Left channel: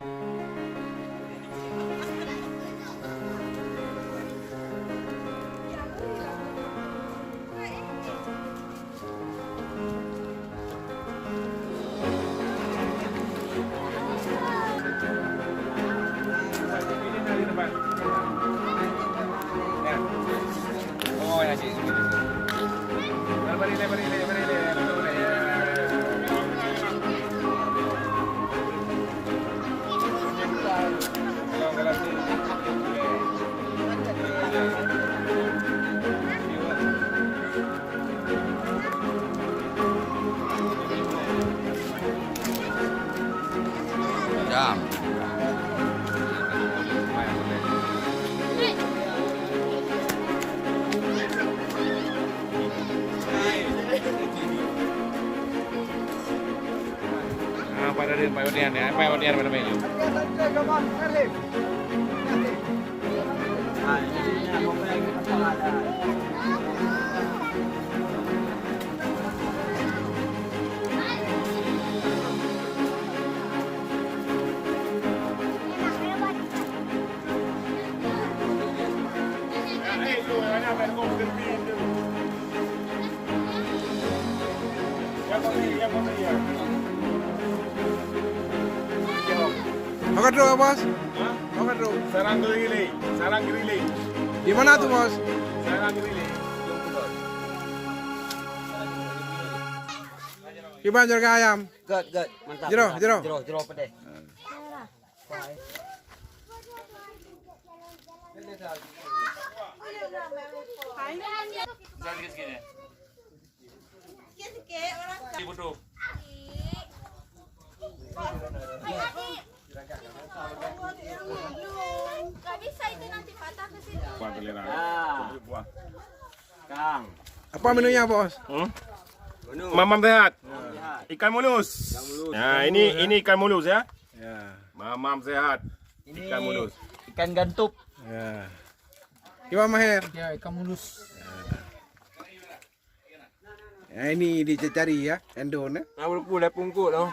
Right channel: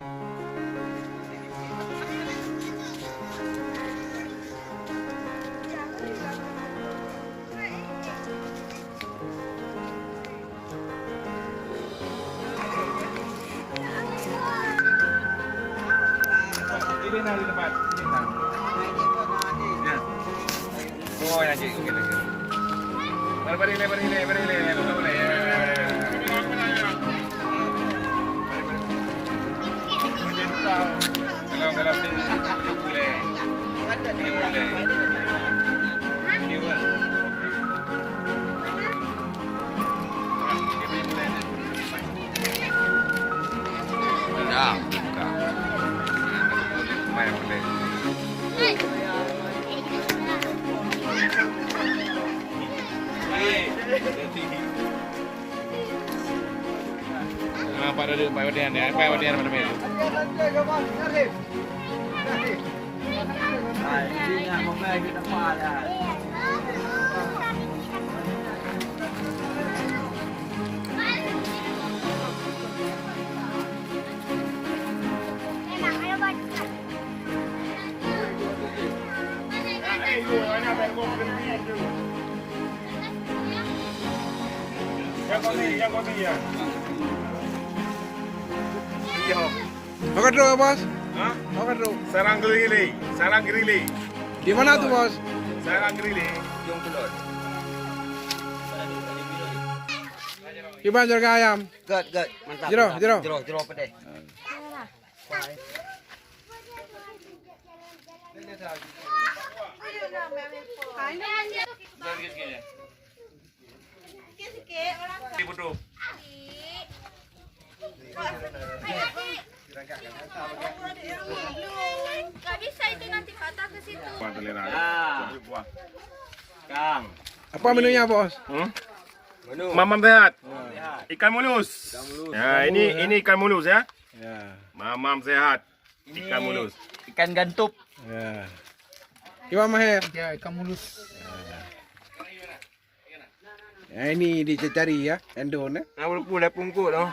Di depan. Oh, yang cik gitu. Berile. Betul boleh. Kalau ni boleh. Boleh. Pada dia, pada dia pada ni. Yang kopi ya. Makan dulu bos. Hah? Makan dulu. Sarang gerili. Di mana tuh bos? Sarang gerili. Gimana jaga ayam? Good, mantap. Jero. pedih. Betul. Gak bisa itu nanti patah ke situ. Kang. Apa menunya bos? Mamam sehat. Ikan mulus. Ya, ini ikan mulus ya. Ya. Mamam sehat. Ikan mulus. Ikan gantup. Ya. Gimana Maher? Ya, ikan mulus. Ya, ini dicari ya, endon ya. Nah, boleh pungkuk tu.